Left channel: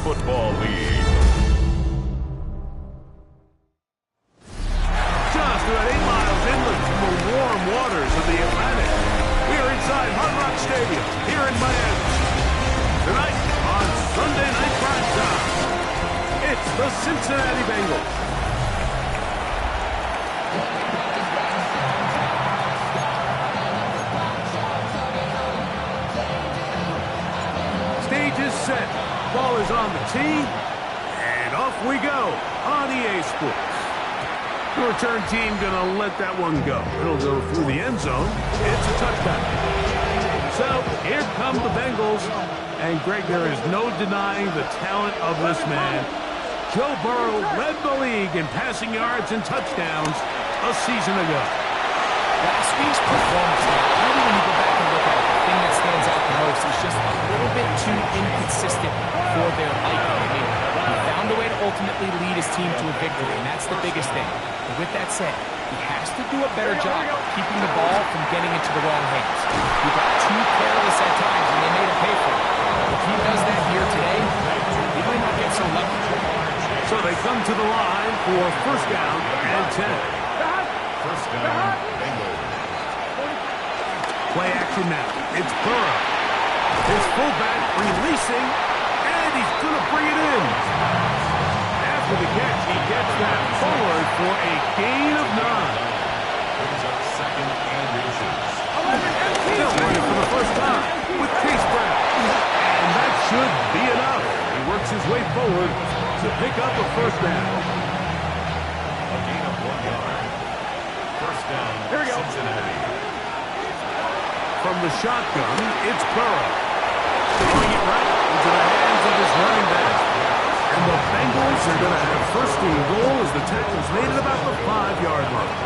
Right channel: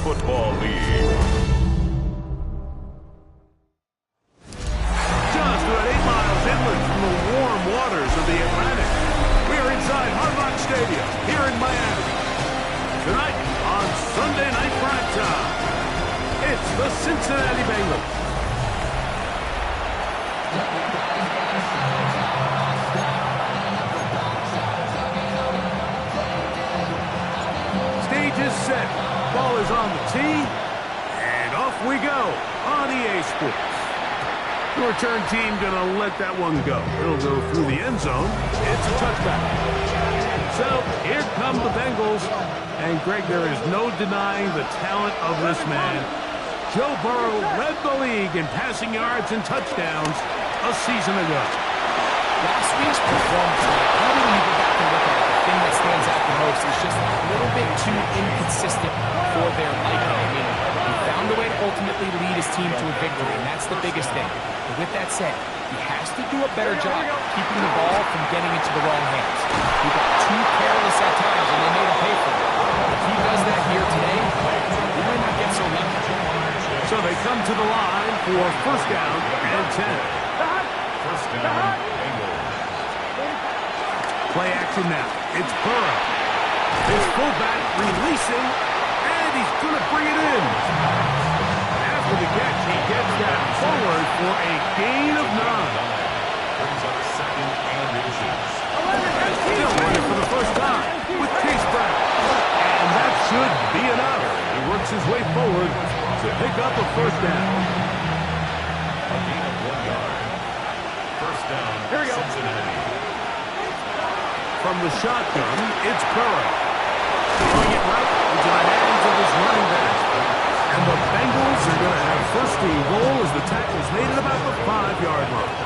Football League. Just about 8 miles inland from the warm waters of the Atlantic, we are inside Hard Rock Stadium here in Miami. Tonight on Sunday Night Primetime, it's the Cincinnati Bengals. Stage is set, ball is on the tee, and off we go on EA Sports. The return team gonna let that one go. It'll go through the end zone. It's a touchback. So here come the Bengals. And Greg, there is no denying the talent of this man. Joe Burrow led the league in passing yards and touchdowns a season ago. Last week's performance, probably when you go back and look at it, the thing that stands out the most is just a little bit too inconsistent for their liking. I mean, he found a way to ultimately lead his team to a victory, and that's the biggest thing. But with that said, he has to do a better job of keeping the ball from getting into the wrong hands. He got too careless at times, and they made him pay for it. If he does that here today, he might not get so lucky. So they come to the line for first down and 10. First down, Bengals. Play action now. It's Burrow. His fullback releasing, and he's going to bring it in. After the catch, he gets that forward for a gain of 9. Brings up second and inches. Still running for the first time with Chase Brown. And that should be enough. He works his way forward to pick up a first down. A gain of 1 yard. First down, Cincinnati. From the shotgun, it's Burrow. Throwing it right into the hands of his running back. And the Bengals are going to have first and goal as the tackle's made at about the 5-yard line.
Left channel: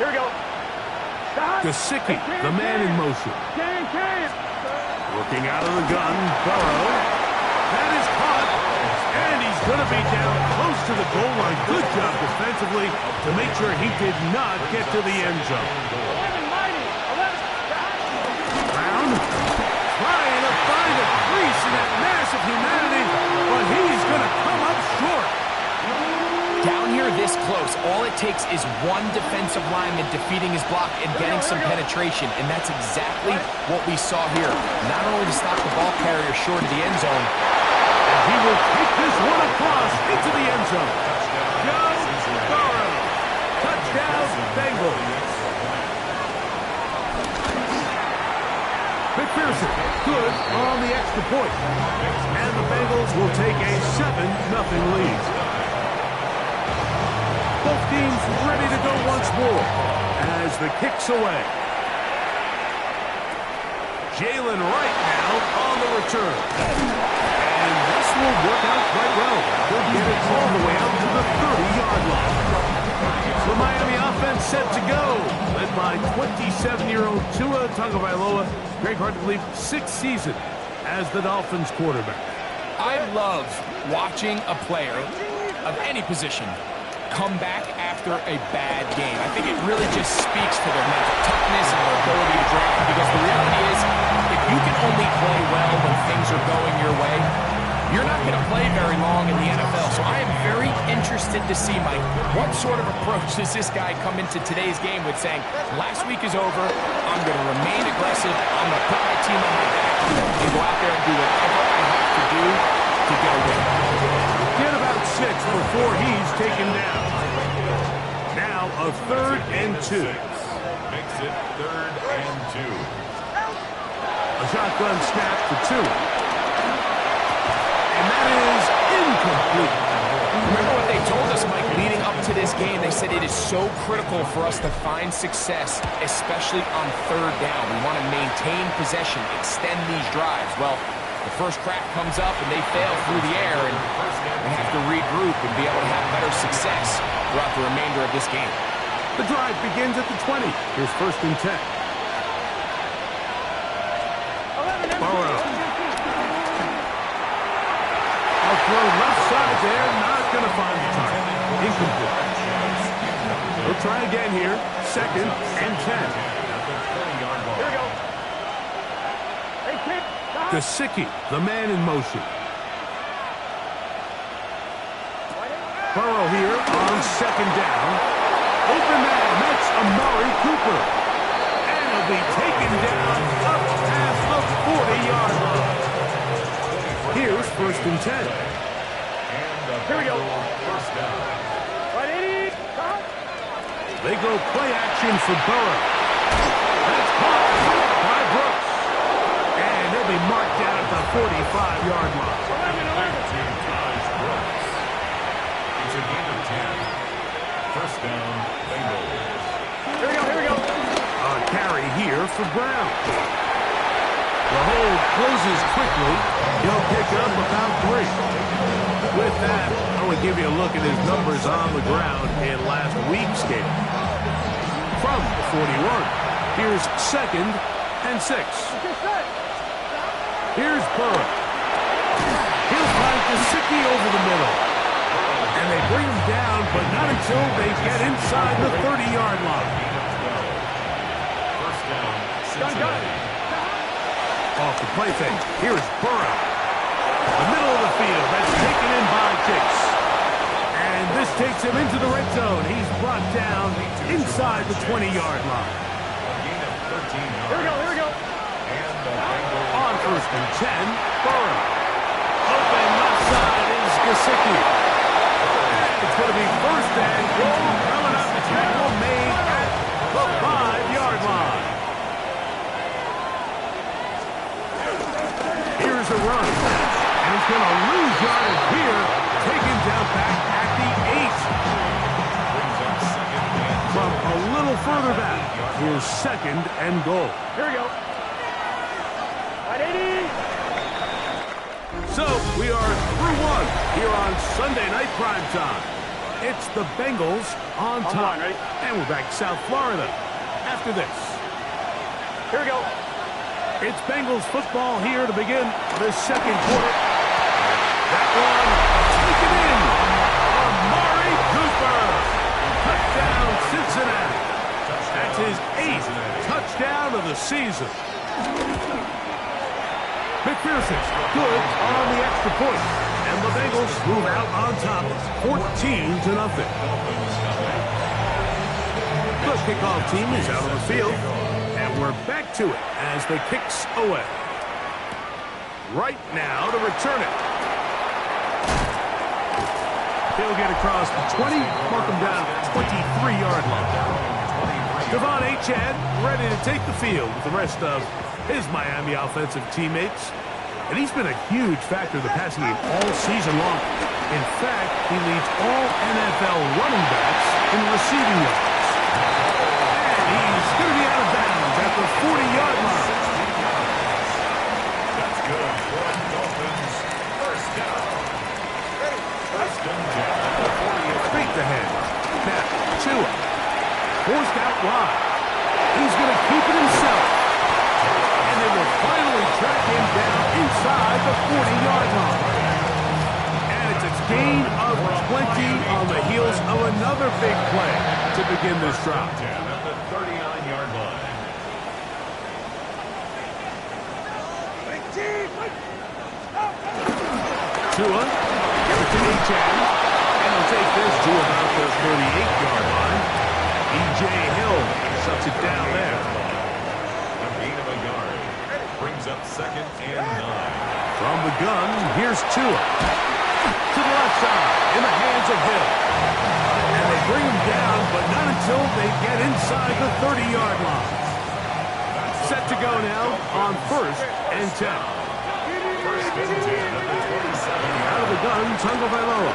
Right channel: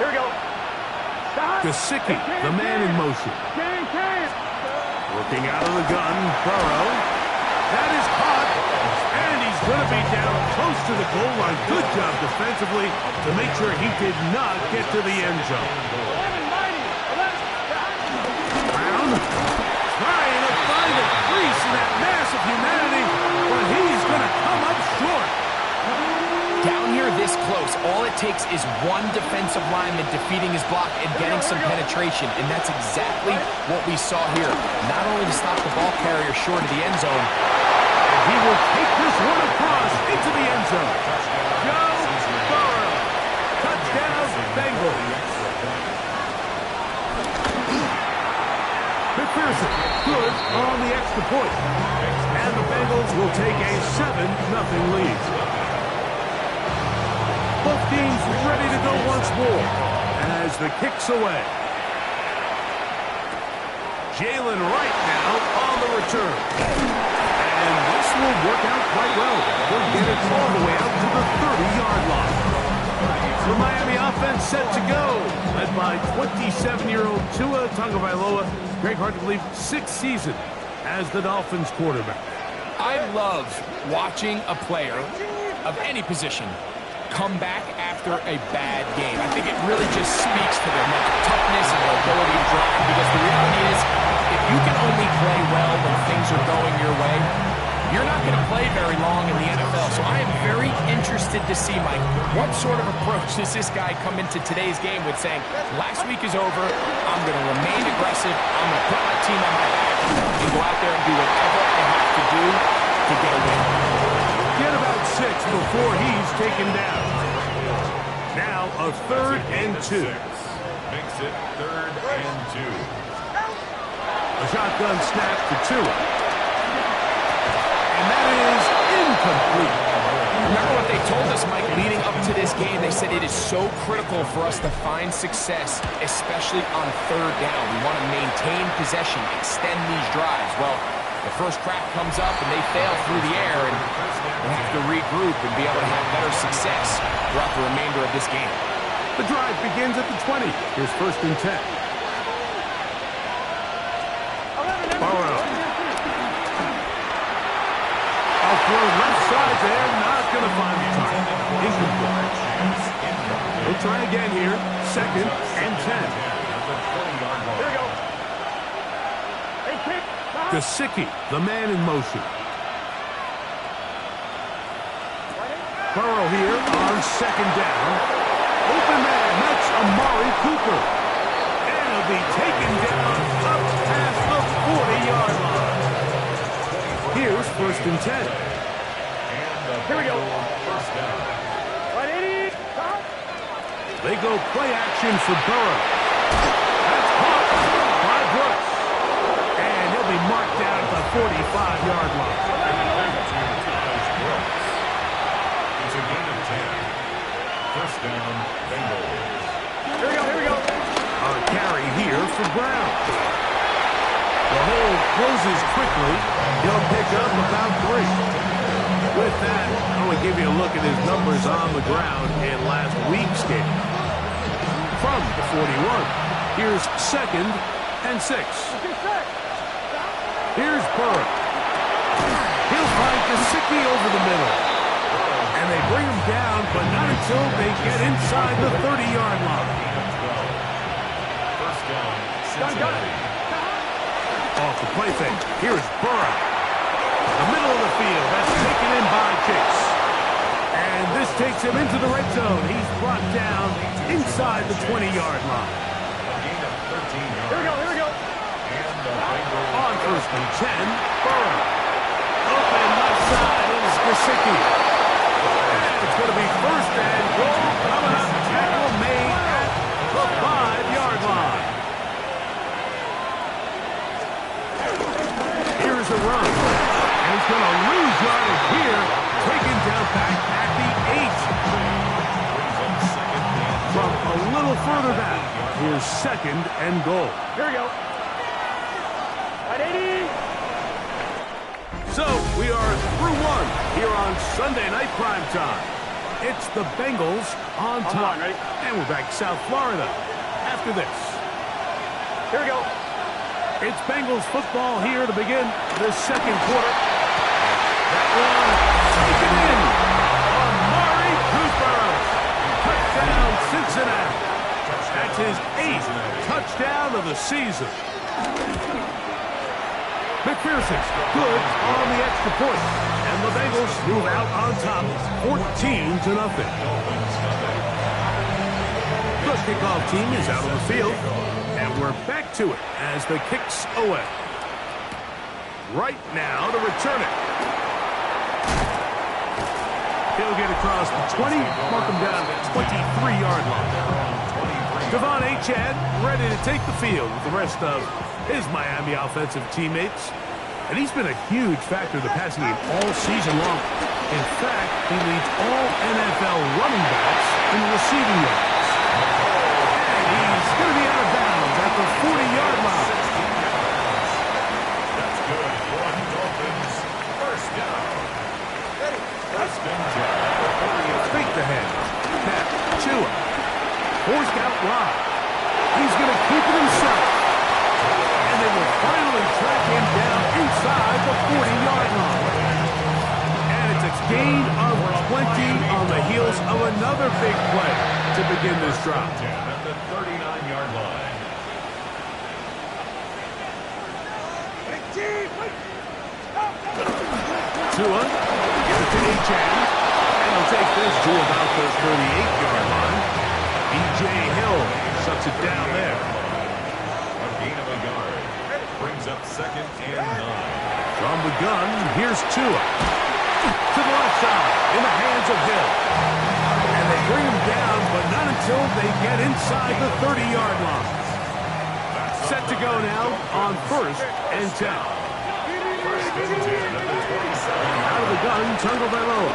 Here we go. Gesicki, the man in motion. Working out of the gun, Burrow. That is caught. And he's going to be down close to the goal line. Good job defensively to make sure he did not get to the end zone. Brown trying to find a crease in that mass of humanity, but he's going to come up short. Down here this close, all it takes is one defensive lineman defeating his block and getting some penetration, and that's exactly what we saw here. Not only to stop the ball carrier short of the end zone, and he will take this one across into the end zone. Joe Burrow. Touchdown, Bengals. McPherson, good on the extra point. And the Bengals will take a 7-0 lead. Both teams ready to go once more as the kick's away. Jalen Wright now on the return. And this will work out quite well. He'll get it all the way out to the 30-yard line. The Miami offense set to go, led by 27-year-old Tua Tagovailoa. Greg, hard to believe, 6th season as the Dolphins quarterback. I love watching a player of any position come back after a bad game. I think it really just speaks to their mental toughness and their ability to drive, because the reality is, if you can only play well when things are going your way, you're not going to play very long in the NFL. So I am very interested to see, Mike, what sort of approach does this guy come into today's game with, saying, last week is over, I'm going to remain aggressive, I'm going to put my team on my back and go out there and do whatever I have to do to get a win. Get about 6 before he's taken down. Now a 3rd and 2. Makes it 3rd and 2. A shotgun snap to Tua. And that is incomplete. Remember what they told us, Mike, leading up to this game? They said it is so critical for us to find success, especially on 3rd down. We want to maintain possession, extend these drives. Well, the first crack comes up and they fail through the air, and they have to regroup and be able to have better success throughout the remainder of this game. The drive begins at the 20. Here's 1st and 10. Burrow. I'll throw left side there, not going to find the target. Incomplete. We'll try again here. 2nd and 10. Here we go. Hey, kick. Gesicki, the man in motion. Burrow here on second down. Open man, that's Amari Cooper. And he'll be taken down up past the 40-yard line. Here's 1st and 10. Here we go. First down. They go play action for Burrow. That's caught by Brooks. And he'll be marked down at the 45-yard line. It's a gain of 10. First down, Bengals. Here we go. A carry here for Brown. The hold closes quickly. He'll pick up about 3. With that, I want to give you a look at his numbers on the ground in last week's game. From the 41, here's 2nd and 6. Here's Burrow. He'll find Gesicki over the middle. And they bring him down, but not until they get inside the 30-yard line. First down, Cincinnati. Off the play fake. Here's Burrow. The middle of the field. That's taken in by Chase. And this takes him into the red zone. He's brought down inside the 20-yard line. A gain of 13 yards. Here we go. And the Bengals On 1st and 10, Burrow. Open left side is Gesicki. And it's going to be 1st and goal coming up. Tackle made at the 5-yard line. Here's a run. And he's going to lose yardage here. Taken down back at the 8. brings up second and From a little further back, here's 2nd and goal. Here we go. 180. So we are through one here on Sunday Night Primetime. It's the Bengals on top. Ready? And we're back to South Florida after this. Here we go. It's Bengals football here to begin the 2nd quarter. That one taken in. Amari Cooper. Touchdown Cincinnati. That's his 8th touchdown of the season. McPherson's good on the extra point. And the Bengals move out on top 14-0. The kickoff team is out on the field. And we're back to it as the kick's away. Right now to return it. He'll get across the 20, mark him down at the 23-yard line. Devon Achane ready to take the field with the rest of his Miami offensive teammates. And he's been a huge factor in the passing game all season long. In fact, he leads all NFL running backs in receiving yards. And he's going to be out of bounds at the 40-yard line. That's good for the Dolphins. First down. First and 10. Fake the head. Now, Tua. Forced out wide. He's going to keep it himself. And they will finally track him down inside the 40-yard line. And it's a gain of 20 on the heels of another big play to begin this drive. 10 at the 39-yard line. Tua, give it to Achane. And he'll take this to about the 38-yard line. E.J. Hill shuts it down there. A gain of a yard. Brings up second and 9. From the gun, here's Tua. To the left side, in the hands of Hill. And they bring him down, but not until they get inside the 30-yard line. Set to go now on 1st and 10. First and 10 at the 27. Out of the gun, Tagovailoa.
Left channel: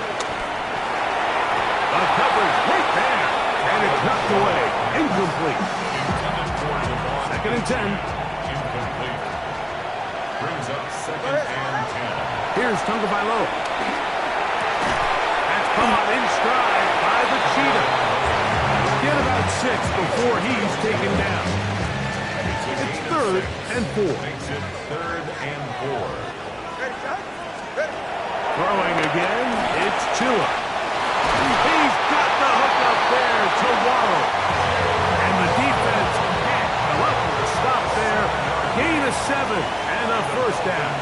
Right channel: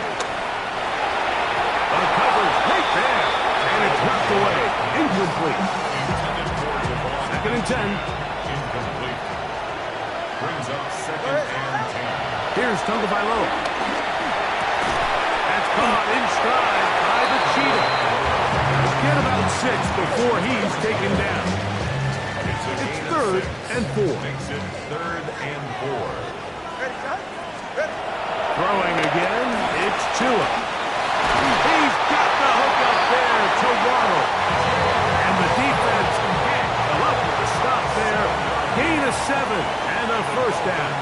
The coverage right there. And it's knocked away. Incomplete. Intended for Devon. 2nd and 10. Incomplete. Brings up second and 10. Here's Tagovailoa. That's caught in stride by the Cheetah. Get about 6 before he's taken down. It's 3rd and 4. Makes it 3rd and 4. Throwing again, it's Tua. He's got the hook up there to Waddle. And the defense can't come up with a stop there Gain of 7 and a first down.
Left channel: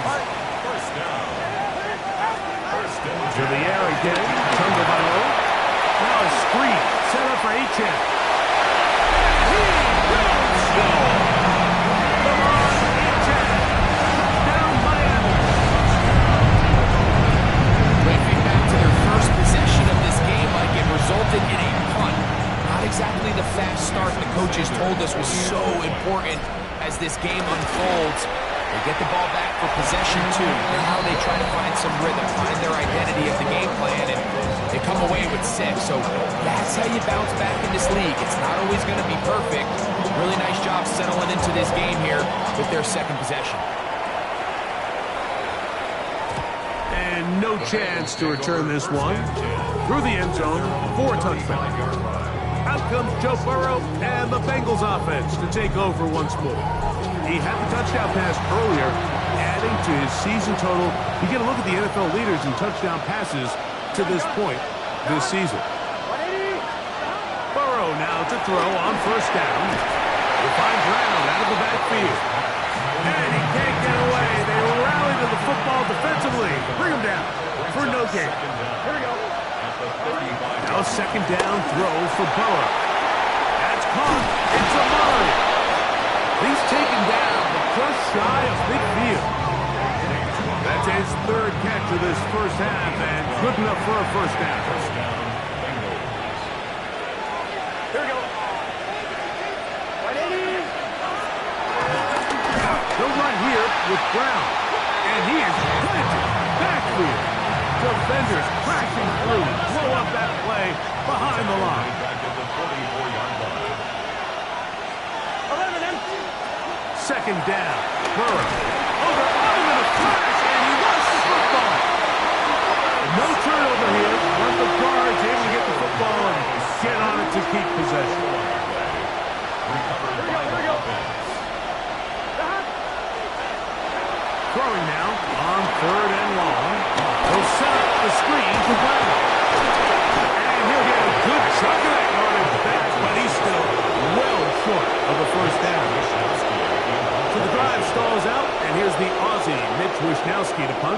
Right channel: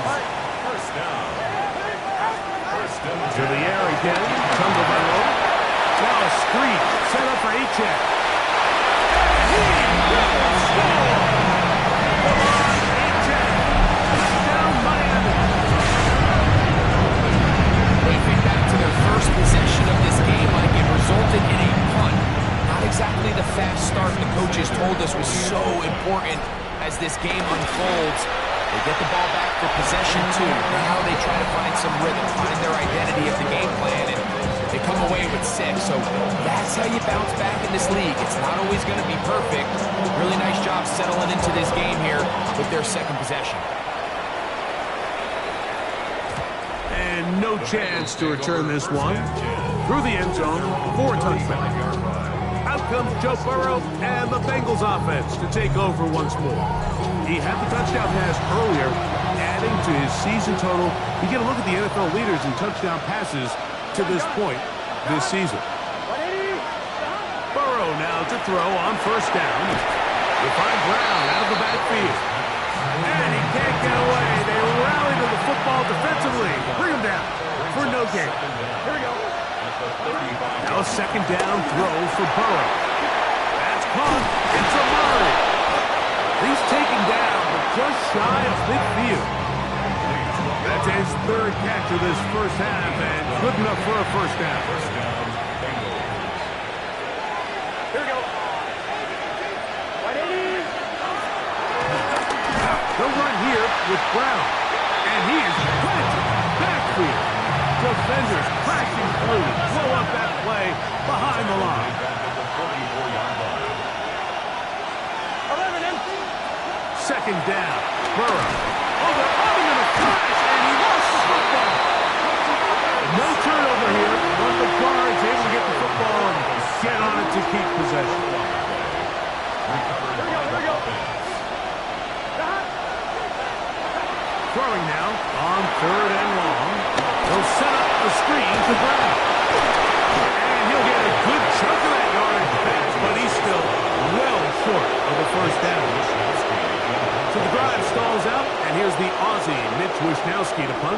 First down. First and To the air again. Tagovailoa. Now a screen set up for Achane. And he will score! Come on, Achane. Down Miami. When you think back to their first possession of this game, Mike, it resulted in a punt. Not exactly the fast start the coaches told us was so important as this game unfolds. They get the ball back for possession two. Now they try to find some rhythm, find their identity of the game plan, and they come away with 6. So that's how you bounce back in this league. It's not always going to be perfect. Really nice job settling into this game here with their second possession. And no chance to return this one. Through the end zone for a touchdown. Out comes Joe Burrow and the Bengals offense to take over once more. He had the touchdown pass earlier, adding to his season total. You get a look at the NFL leaders in touchdown passes to this point this season. Burrow now to throw on first down. You'll find Brown out of the backfield. And he can't get away. They rally to the football defensively. Bring him down for no gain. Here we go. Now a second down throw for Burrow. That's caught. It's Amari. He's taken down, but just shy of midfield. That's his third catch of this first half, and good enough for a first down. First down, Bengals. Here we go. 180. They'll run here with Brown, and he is planted backfield. Defenders crashing through, blow up that play behind the line. Back at the 44-yard line. 11 empty. Second down, Burrow. Oh, they're on him in a flash, and he lost the football. No turnover here, but the guard's able to get the football and get on it to keep possession. Recovered by the offense. Throwing now on third and long. He'll set up the screen to Brown. And he'll get a good chunk of that yardage back, but he's still well short of the first down. So the drive stalls out, and here's the Aussie, Mitch Wishnowsky, to punt.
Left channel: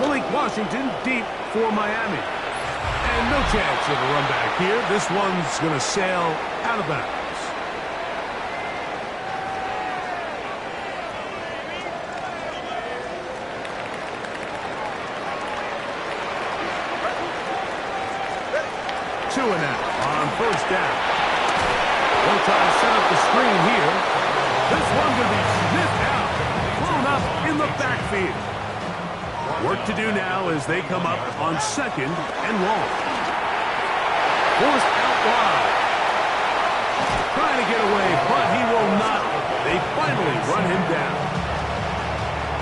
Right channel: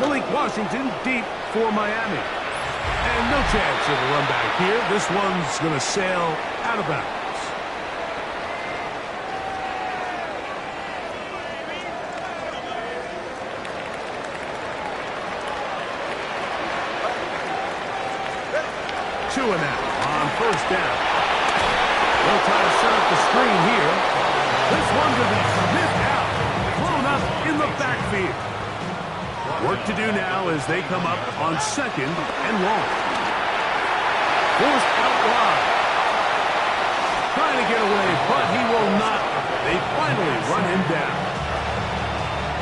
Malik Washington deep for Miami. And no chance of a run back here. This one's going to sail out of bounds. Two and out on first down. They'll try to set up the screen here. This one's going to be sniffed out, blown up in the backfield. Work to do now as they come up on second and long. Forced out wide. Trying to get away, but he will not. They finally run him down.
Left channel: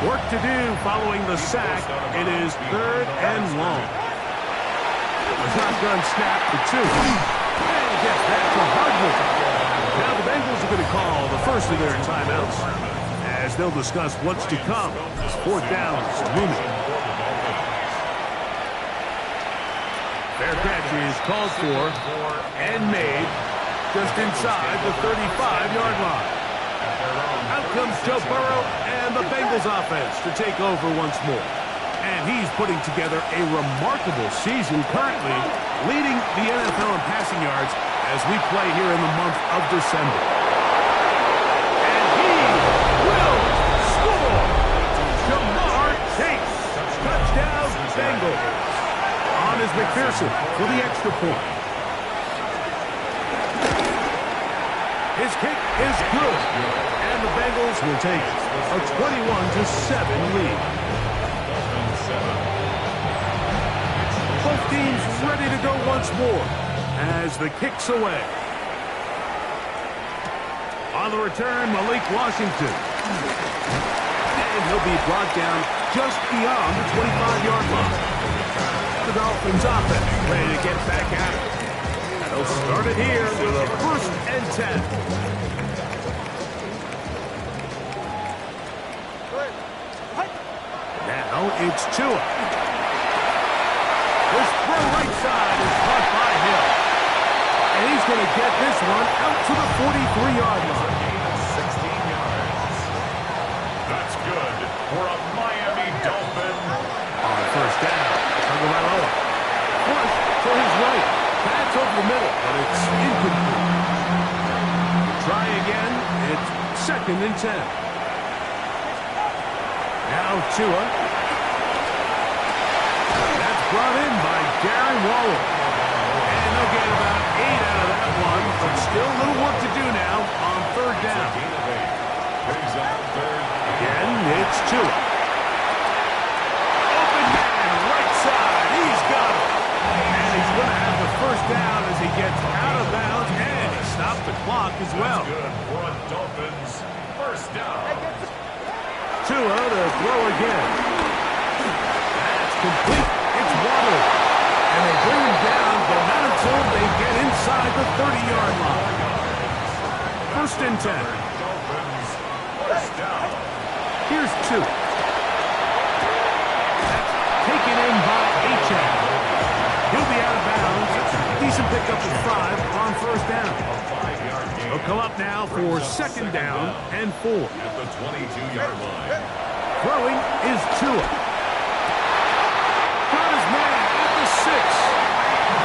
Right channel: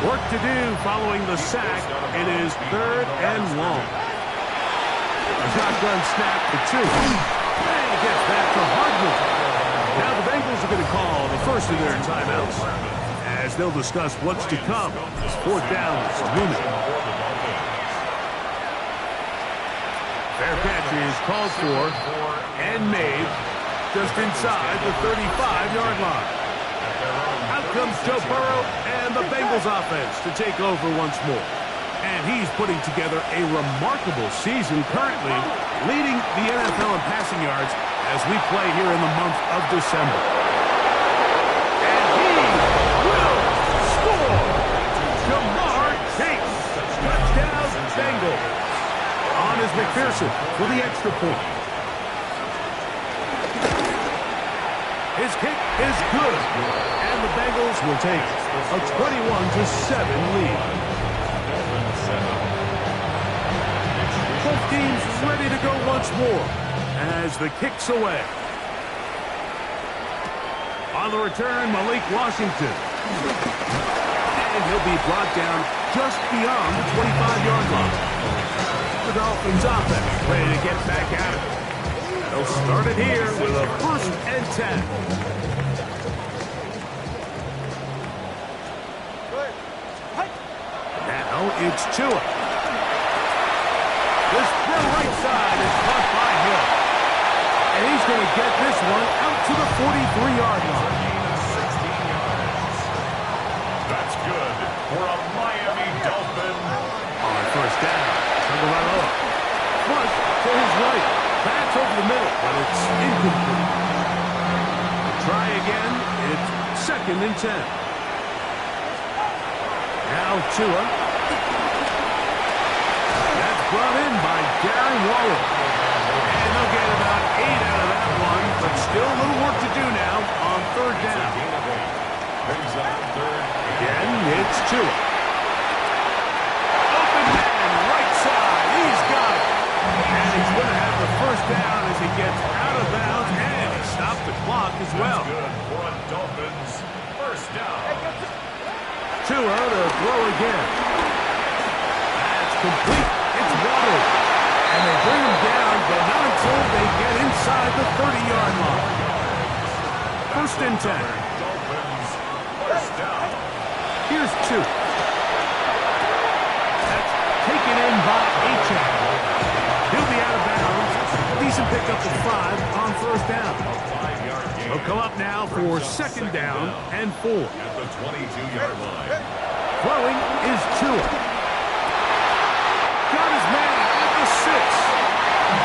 Work to do following the sack. It is third and long. A shotgun snap for 2. And he gets back to Hardman. Now the Bengals are going to call the first of their timeouts as they'll discuss what's to come. Fourth downs looming. Fair catch is called for and made just inside the 35-yard line. Out comes Joe Burrow and the Bengals offense to take over once more. And he's putting together a remarkable season currently, leading the NFL in passing yards as we play here in the month of December. And he will score! Jamar Chase! Touchdown Bengals! On is McPherson for the extra point. His kick is good. And the Bengals will take a 21-7 lead. Both teams ready to go once more as the kick's away. On the return, Malik Washington. And he'll be brought down just beyond the 25-yard line. The Dolphins offense ready to get back at it. And they'll start it here with a 1st and 10. Now it's Tua. This throw right side is caught by Hill. And he's going to get this one out to the 43-yard line. That's good for a Miami Dolphin. On first down, Tagovailoa. Flush to his right. That's over the middle, but it's incomplete. Try again. It's 2nd and 10. Now Tua. That's brought in by Darren Waller. And they'll get about 8 out of that one, but still a little work to do now on 3rd down. Gain of 8. Brings up 3rd. Again, it's Tua. Open man, right side. He's got it. And he's going to have the 1st down as he gets out of bounds, and he stopped the clock as well. That's good for a Dolphins 1st down. Tua to throw again. That's complete. It's Waddle. And they bring him down, but not until they get inside the 30-yard line. 1st and 10. Dolphins 1st down. Here's 2. That's taken in by Achane. He'll be out of bounds. Decent pickup of 5 on 1st down. A 5-yard gain. He'll come up now for 2nd down and 4. At the 22-yard line. Throwing is Tua. Got his man at the 6.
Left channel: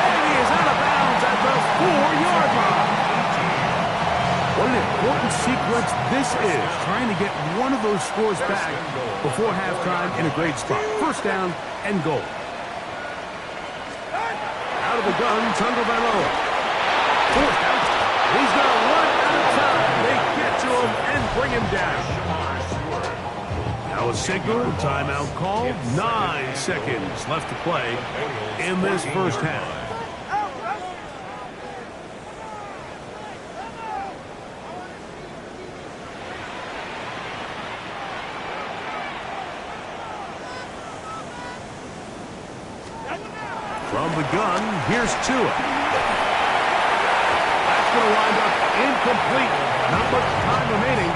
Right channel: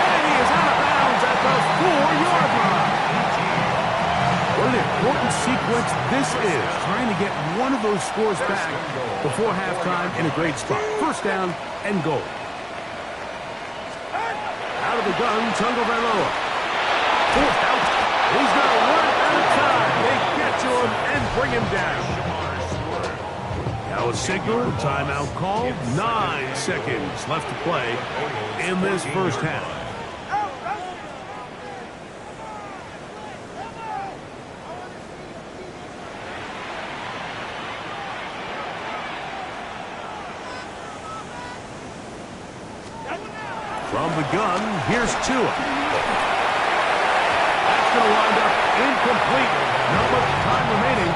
And he is out of bounds at the 4-yard line. What an important sequence this is, trying to get one of those scores back before halftime in a great spot. 1st down and goal. Out of the gun, Tagovailoa. 4th out. He's going to run out of time. They get to him and bring him down. Now a signal, timeout called. 9 seconds left to play in this 1st half. From the gun, here's Tua. That's going to wind up incomplete. Not much time remaining.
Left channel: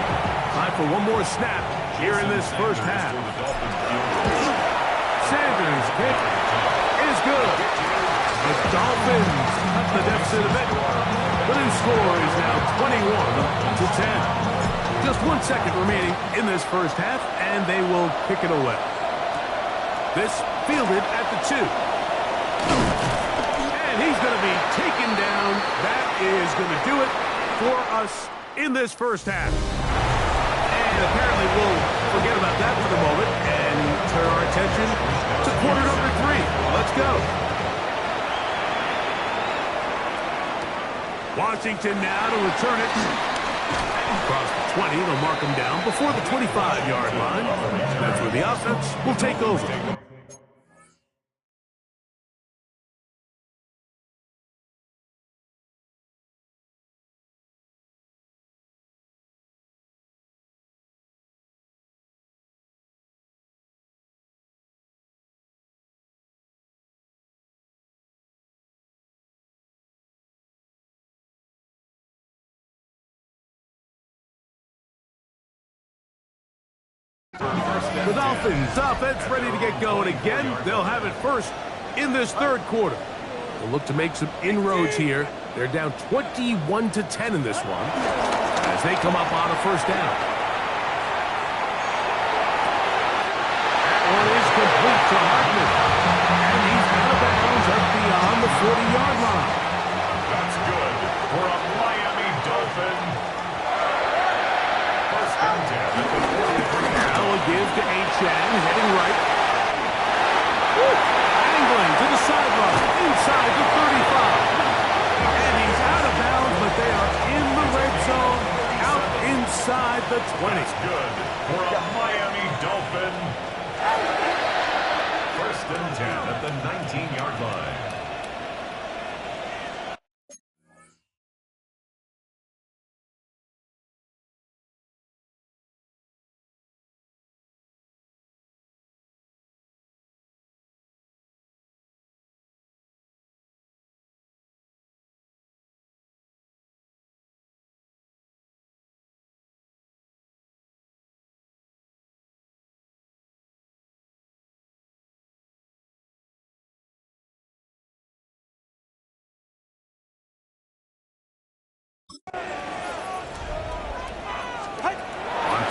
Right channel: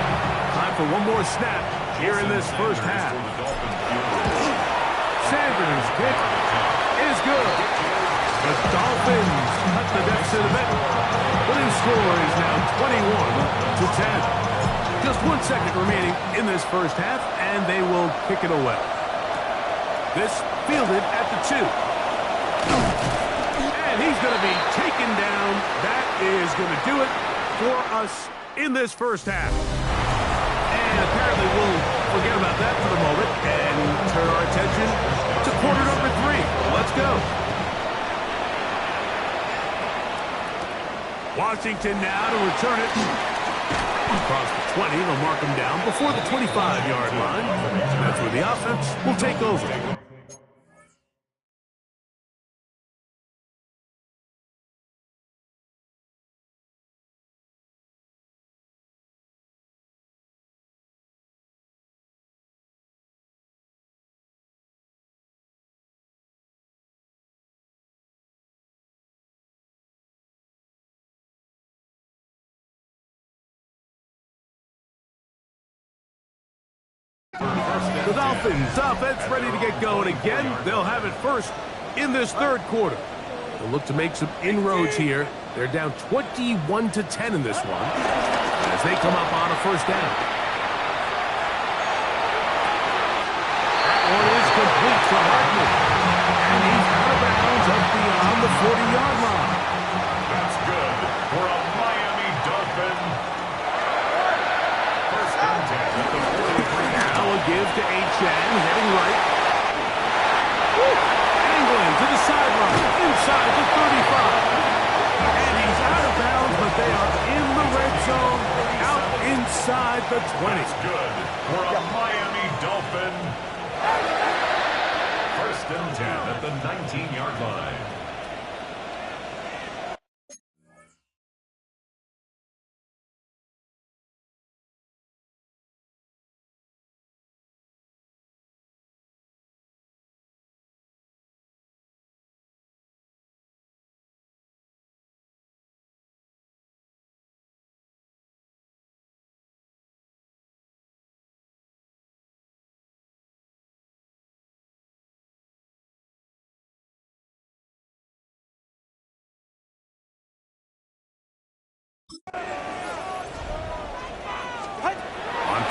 Time for one more snap here in this 1st half. Sanders' kick is good. The Dolphins cut the deficit a bit. The new score is now 21-10. Just 1 second remaining in this 1st half, and they will kick it away. This fielded at the 2. And he's going to be taken down. That is going to do it for us in this 1st half. And apparently we'll forget about that for the moment and turn our attention to quarter number 3. Let's go. Washington now to return it. Across the 20, they'll mark him down before the 25-yard line. That's where the offense will take over. The Dolphins offense ready to get going again. They'll have it first in this 3rd quarter. They'll look to make some inroads here. They're down 21-10 in this one as they come up on a 1st down. That one is complete to Hartman. And he's out of bounds up beyond the 40-yard line. That's good for a Miami Dolphin. 1st and 10 at the 43. Now a give to Achane, heading right. Angling to the sideline, inside the 35. And he's out of bounds, but they are in the red zone, out inside the 20. That's good for a Miami Dolphin. 1st and 10 at the 19-yard line.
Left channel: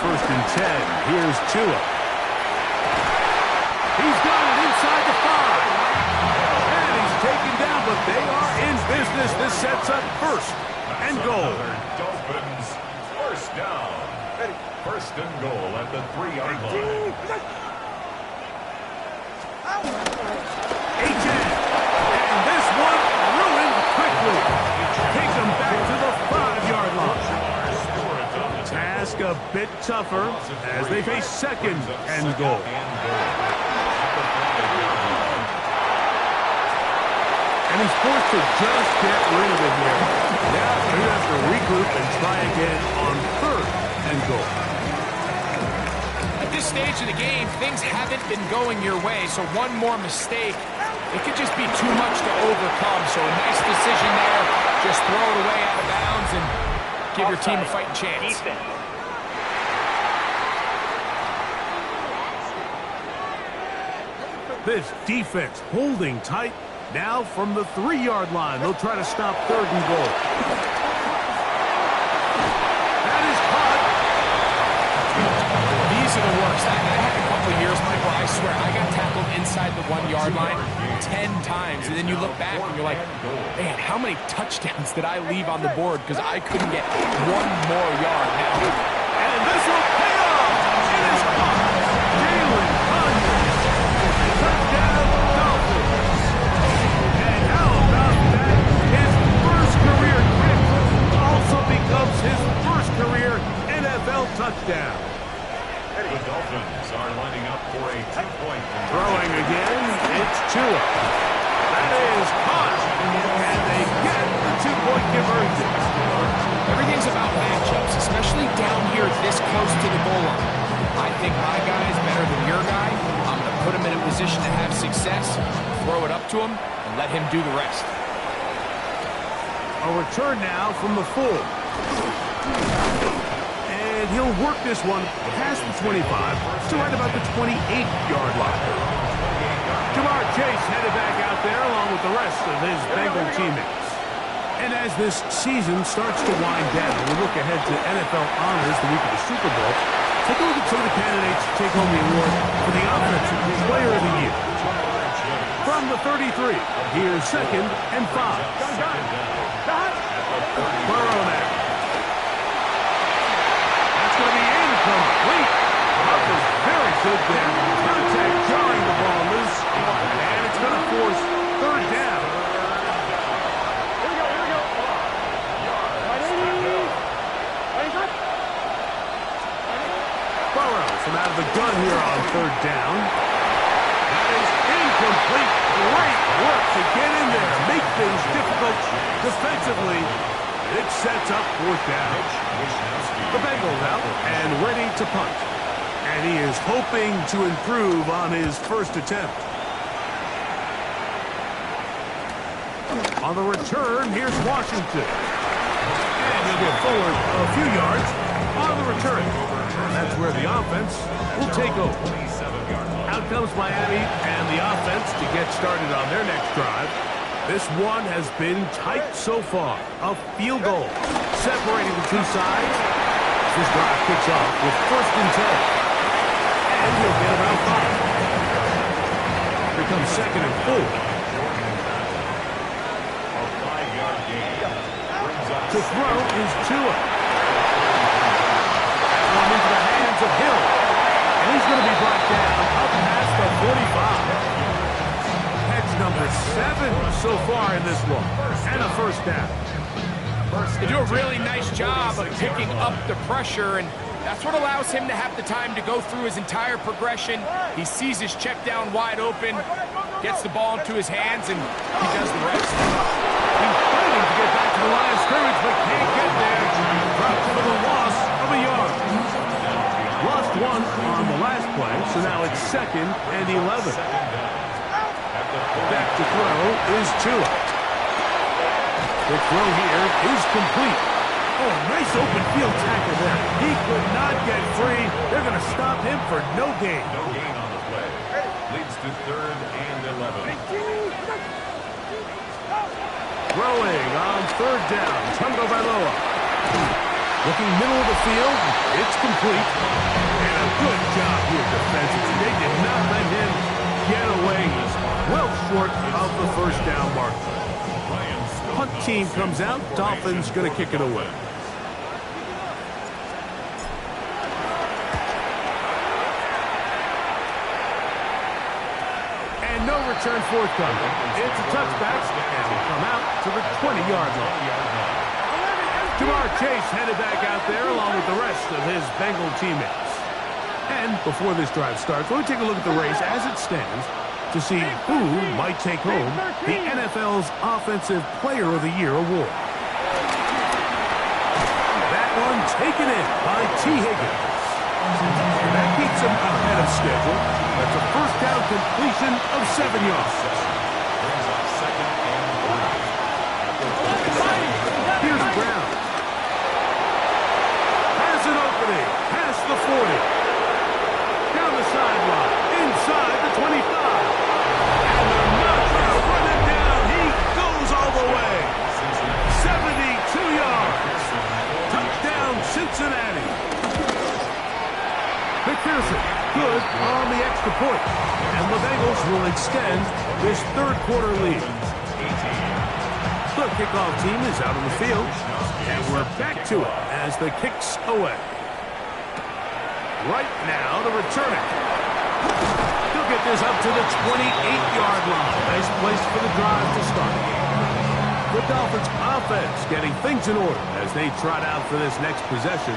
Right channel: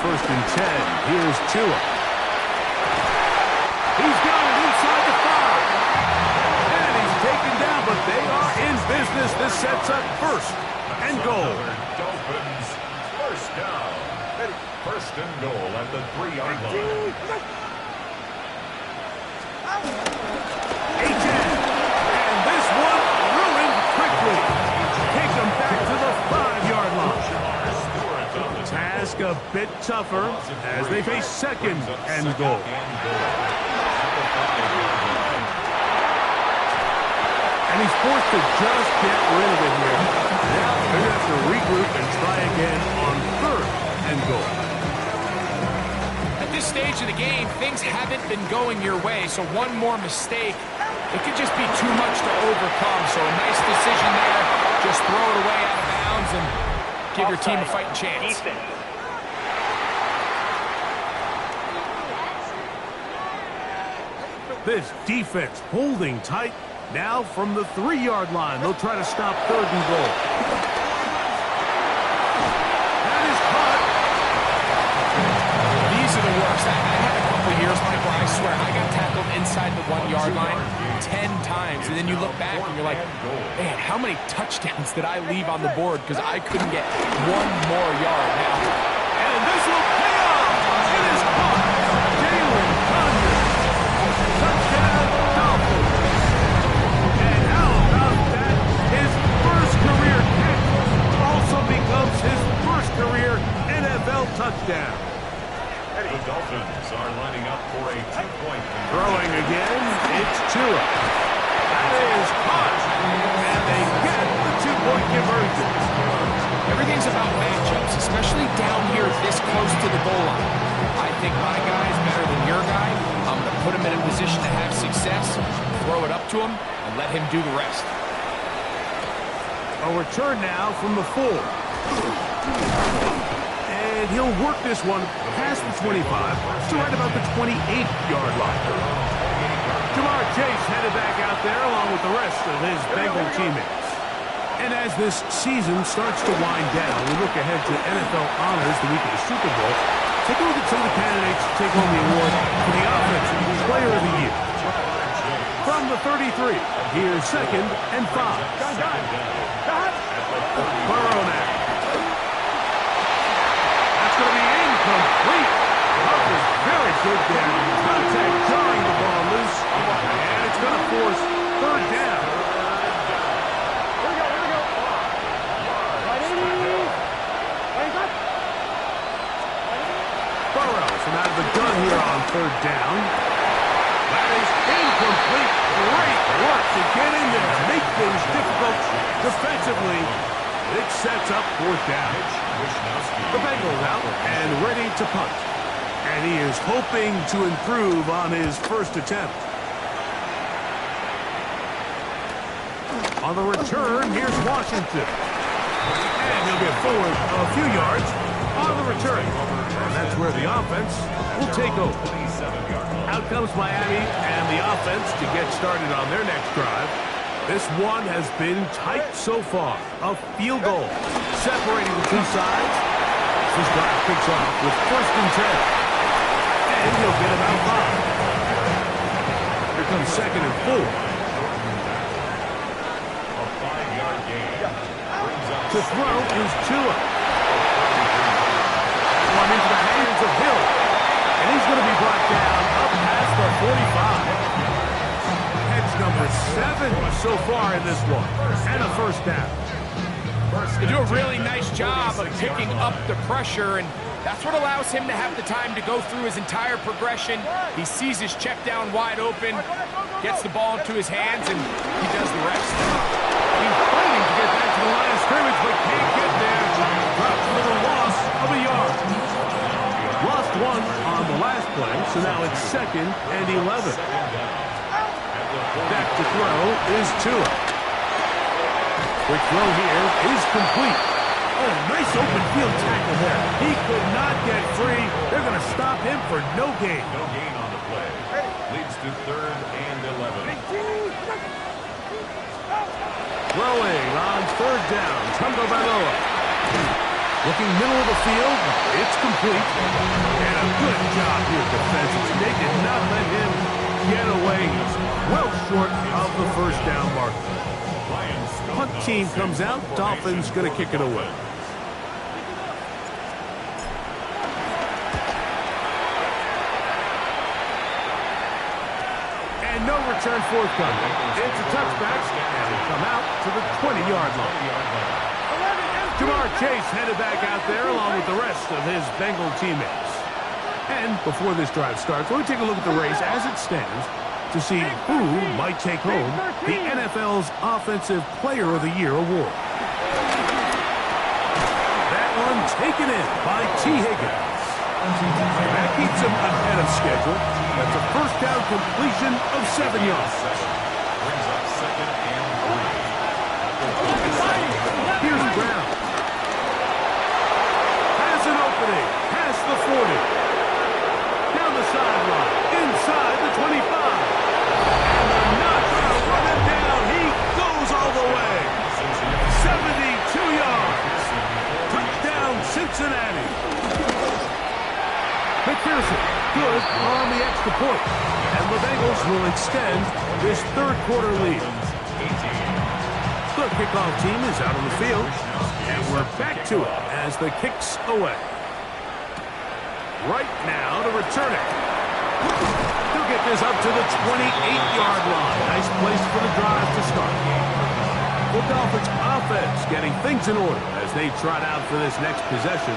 first and 10. Here's Tua. He's got it inside the 5. And he's taken down, but they are in business. This sets up first and goal. Another Dolphins first down. First and goal at the 3-yard line. And this one ruined quickly. Take them back to the 5-yard line. Task a bit tougher as they face second and goal. And he's forced to just get rid of it here. Now they're going to have to regroup and try again on third and goal. At this stage of the game, things haven't been going your way, so one more mistake, it could just be too much to overcome. So a nice decision there. Just throw it away out of bounds and give your team a fighting chance. This defense holding tight. Now from the 3-yard line, they'll try to stop third and goal. That is caught. These are the worst. I had a couple of years, Michael, I swear, I got tackled inside the 1-yard line 10 times, and then you look back and you're like, man, how many touchdowns did I leave on the board because I couldn't get one more yard now? And this will pay off. It is caught. Jalen Conyers. Touchdown, Dolphins. And how about that? His first career catch also becomes his first career NFL touchdown. The Dolphins are lining up for a 2-point conversion. Throwing again, it's Tua. That is caught. And they get the 2-point conversion. Everything's about matchups, especially down here this close to the goal line. I think my guy is better than your guy. I'm going to put him in a position to have success, throw it up to him, and let him do the rest. A return now from the 4. And he'll work this one past the 25 to right about the 28-yard line. Ja'Marr Chase headed back out there along with the rest of his Bengal teammates. And as this season starts to wind down, we look ahead to NFL honors the week of the Super Bowl. Take a look at some of the candidates to take home the award for the Offensive Player of the Year. From the 33, here's second and 5. Burrow now. That's going to be incomplete. Huff was very good there. Contact jarring the ball loose. And it's going to force third down. Burrow from out of the gun here on third down. That is incomplete. Great work to get in there. Make things difficult defensively. It sets up fourth down. The Bengals out and ready to punt. And he is hoping to improve on his first attempt. On the return, here's Washington. And he'll get forward a few yards on the return. And that's where the offense will take over. Out comes Miami and the offense to get started on their next drive. This one has been tight so far. A field goal separating the two sides. This drive kicks off with first and 10. And he'll get about 5. Here comes second and 4. A 5-yard gain. To throw is Tua. That one into the hands of Hill. And he's going to be brought down up past the 45. Catch number 7 so far in this one. And a first down. They do a really nice job of picking up the pressure, and that's what allows him to have the time to go through his entire progression. He sees his check down wide open, gets the ball into his hands, and he does the rest. He's fighting to get back to the line of scrimmage, but can't get there. Drops for the loss of a yard. Lost one on the last play, so now it's second and 11. Back to throw is Tua. Quick throw here is complete. Oh, nice open field tackle there. He could not get free. They're going to stop him for no gain. No gain on the play. Leads to third and 11. Throwing on third down, Tagovailoa. Looking middle of the field, it's complete. And a good job here defensively. They did not let him get away. He's well short of the first down marker. Punt team comes out. Dolphins going to kick it away. And no return forthcoming. It's a touchback, and will come out to the 20-yard line. Jamar Chase headed back out there along with the rest of his Bengal teammates. And before this drive starts, we'll take a look at the race as it stands to see who might take home the NFL's Offensive Player of the Year award. That one taken in by T. Higgins. And that keeps him ahead of schedule. That's a first down completion of 7 yards. Brings up second and 3. Here's Brown. Has an opening. Past the 40. Down the sideline. Inside the 25. And they're not going to run him down. He goes all the way. 72 yards. Touchdown, Cincinnati. McPherson, good on the extra point. And the Bengals will extend this third quarter lead. The kickoff team is out on the field. And we're back to it as the kick's away. Right now to return it. He'll get this up to the 28-yard line. Nice place for the drive to start. The Dolphins offense getting things in order as they trot out for this next possession.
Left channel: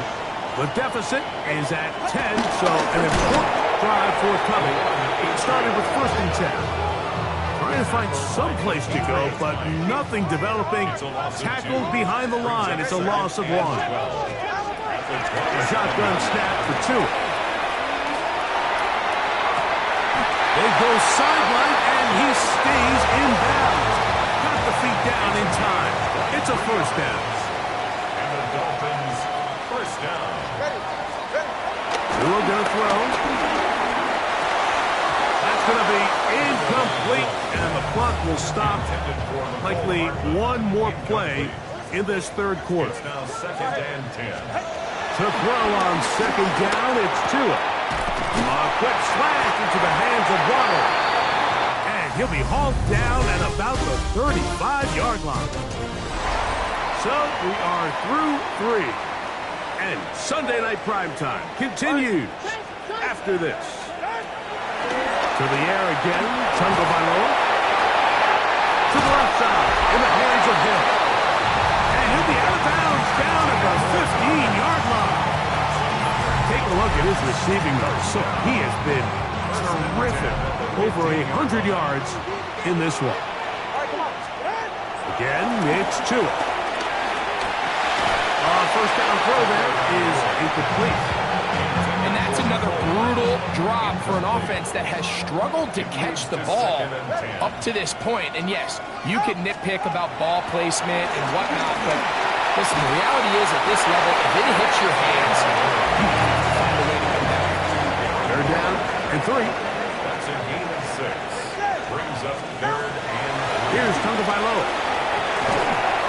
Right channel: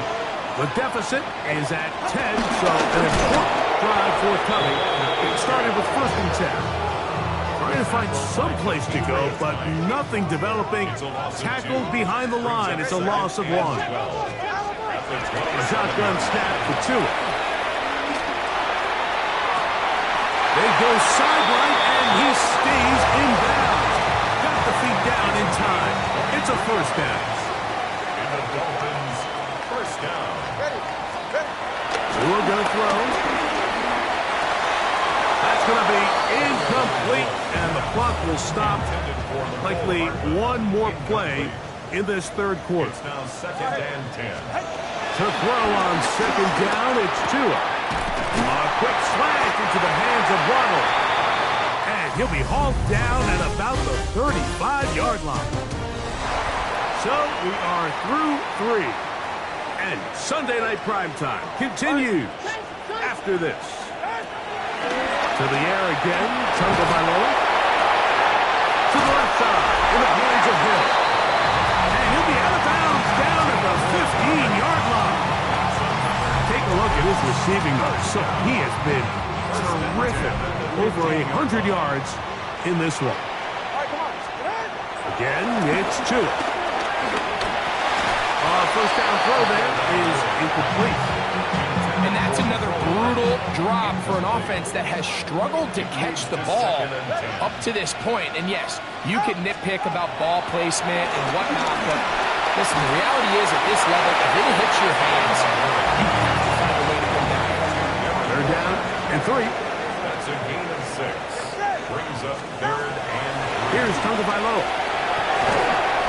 The deficit is at 10, so an important drive forthcoming. It started with 1st and 10. Trying to find some place to go, but nothing developing. Tackled behind the line. It's a loss of 1. A shotgun snap for 2. They go sideline, and he stays in bounds. Got the feet down in time. It's a first down. And the Dolphins, first down. Tua going to throw. That's going to be incomplete, and the clock will stop. Likely one more play in this third quarter. It's now second and 10. To throw on second down, it's Tua. A quick slash into the hands of Waddle. And he'll be hauled down at about the 35-yard line. So we are through 3. And Sunday Night Primetime continues after this. To the air again, Tagovailoa. To the left side, in the hands of Hill. And he'll be out of bounds down at the 15-yard line. Take a look at his receiving yards. So he has been terrific. Over 100 yards in this one. Again, it's Tua. First down throw there is incomplete. And that's another brutal drop for an offense that has struggled to catch the ball up to this point. And yes, you can nitpick about ball placement and whatnot, but listen, the reality is at this level, if it hits your hands, you have to find a way to come down. They're down and 3. That's a gain of 6. Brings up third and 3. Here's Tagovailoa.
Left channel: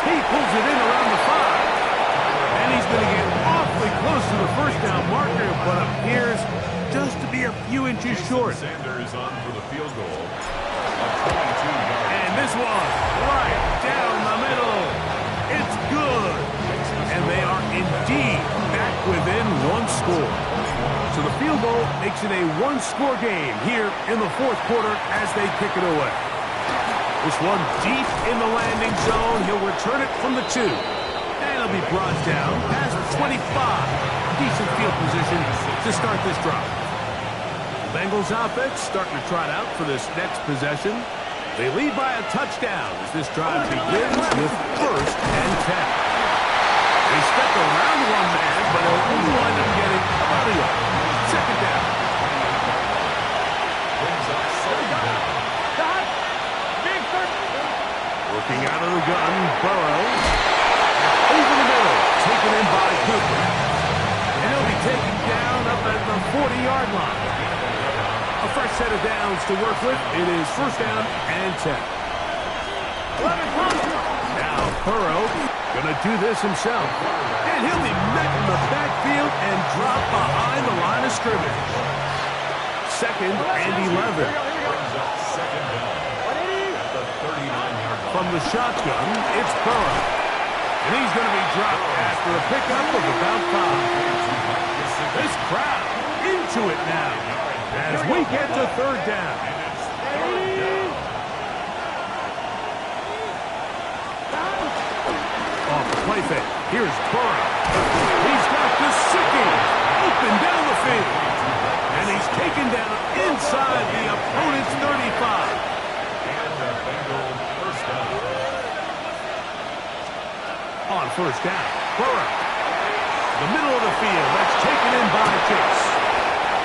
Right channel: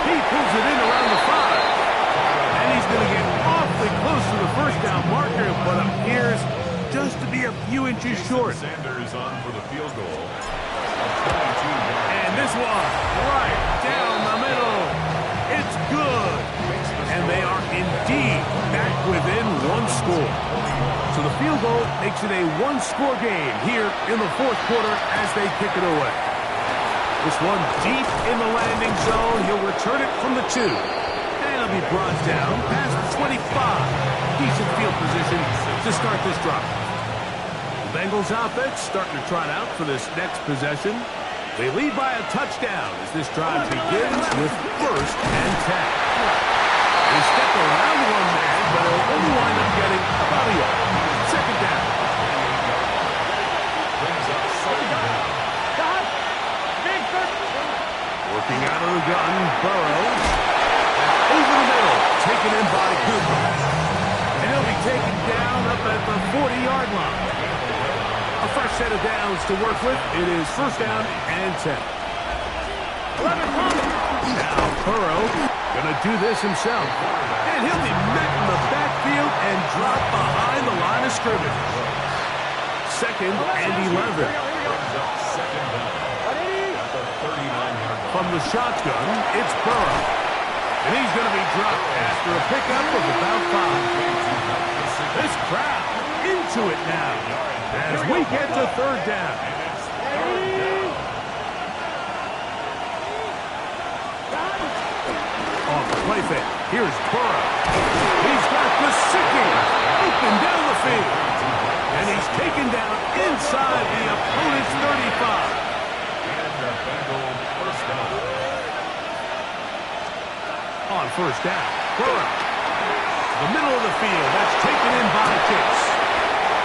He pulls it in around the 5. And he's going to get awfully close to the first down marker, but appears just to be a few inches short. Sanders on for the field goal. A 22-yard. And this one, right down the middle. It's good. And they are indeed back within 1 score. So the field goal makes it a 1-score game here in the fourth quarter as they kick it away. This one deep in the landing zone. He'll return it from the 2. And he'll be brought down past the 25. Decent field position to start this drive. The Bengals offense starting to trot out for this next possession. They lead by a touchdown as this drive begins with 1st and 10. They step around one man, but he'll only wind up getting about a yard. Second down. Brings up second down. Working out of the gun, Burrow. Over the middle, taken in by Cooper. And he'll be taken down up at the 40-yard line. A fresh set of downs to work with. It is first down and 10. Now Burrow Gonna do this himself. And he'll be met in the backfield and drop behind the line of scrimmage. Second and 11. Brings up second down at the 39-yard line. From the shotgun, it's Burrow. And he's going to be dropped after a pickup of about 5. This crowd into it now as we get to third down. And it's third down. Off the play fake, here's Burrow. He's got Gesicki open down the field. And he's taken down inside the opponent's 35. And the Bengal first down. On first down, Burrow. The middle of the field, that's taken in by Chase.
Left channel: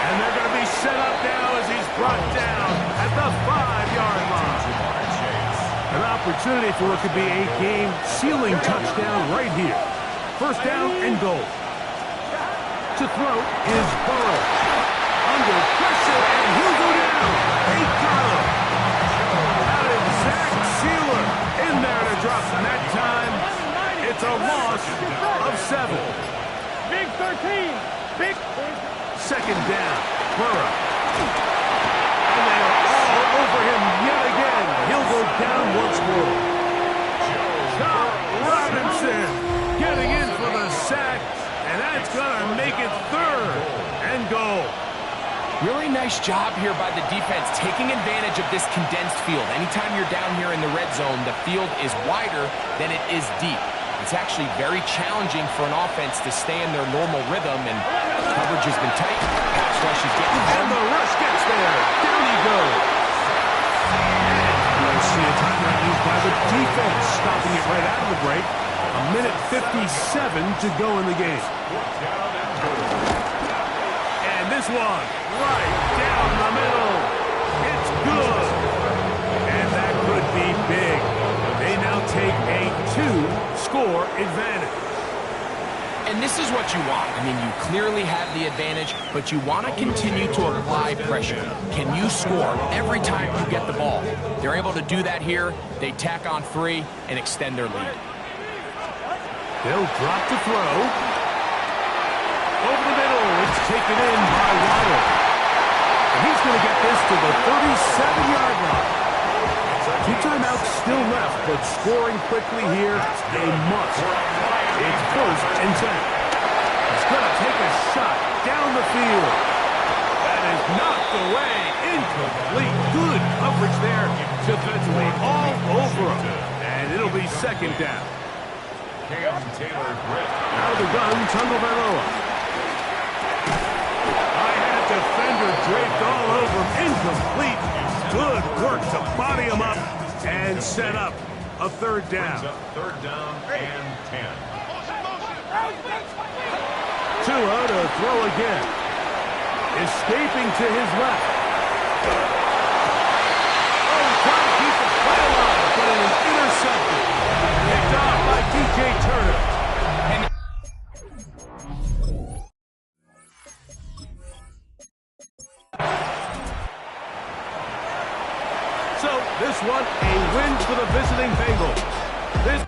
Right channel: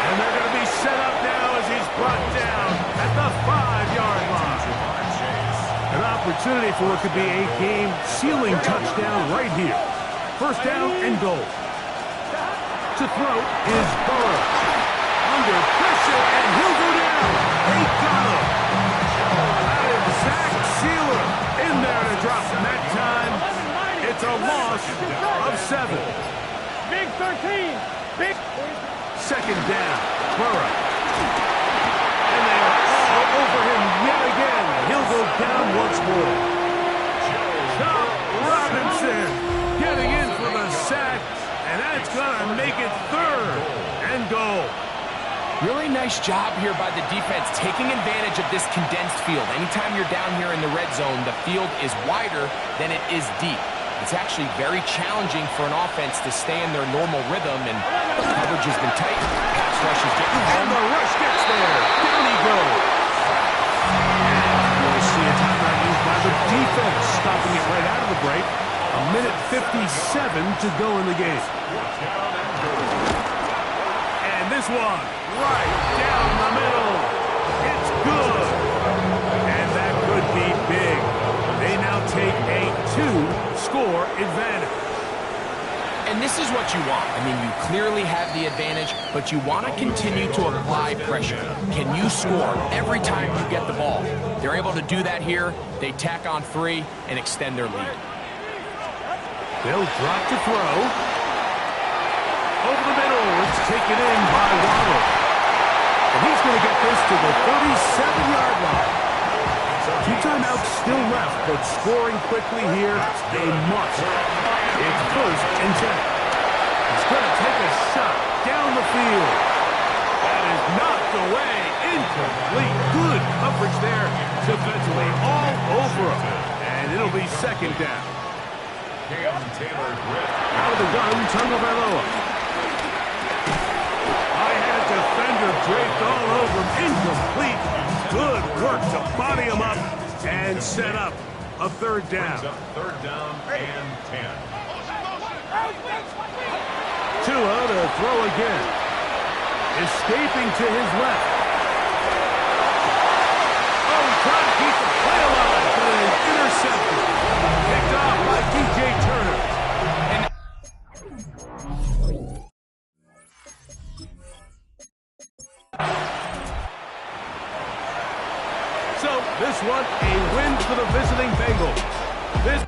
And they're going to be set up now as he's brought down at the 5-yard line. Jamar Chase. An opportunity for what could be a game-sealing touchdown right here. First down and goal. To throw is Burrow. Under pressure, and he'll go down. They got him. That is Zach Sealer in there to drop him that time. It's a loss of 7. Big 13. Big. Second down, Burrow. And they are all over him yet again. He'll go down once more. Chop Robinson getting in for the sack, and that's going to make it third and goal. Really nice job here by the defense, taking advantage of this condensed field. Anytime you're down here in the red zone, the field is wider than it is deep. It's actually very challenging for an offense to stay in their normal rhythm, and coverage has been tight. Pass rush is getting And the rush gets there. Down he goes. And we'll see a timeout used by the defense, stopping it right out of the break. 1:57 to go in the game. And this one, right down the middle. It's good. And that could be big. They now take a 2-score advantage. And this is what you want. I mean, you clearly have the advantage, but you want to continue to apply pressure. Can you score every time you get the ball? They're able to do that here. They tack on 3 and extend their lead. They'll drop to throw. Over the middle, it's taken in by Waddle. And he's going to get this to the 37-yard line. 2 timeouts still left, but scoring quickly here, they must. It's first and 10. He's going to take a shot down the field. That is knocked away, incomplete. Good coverage there, defensively all over him. And it'll be second down. Cam Taylor-Britt. Out of the gun, Tagovailoa. I-had a defender draped all over him, incomplete. Good work to body him up and set up a third down. Brings up third down and 10. Tua to throw again. Escaping to his left. Oh, he's trying to keep the play alive, but it is intercepted. Picked off by DJ Turner. And so, this one, a win for the visiting Bengals. This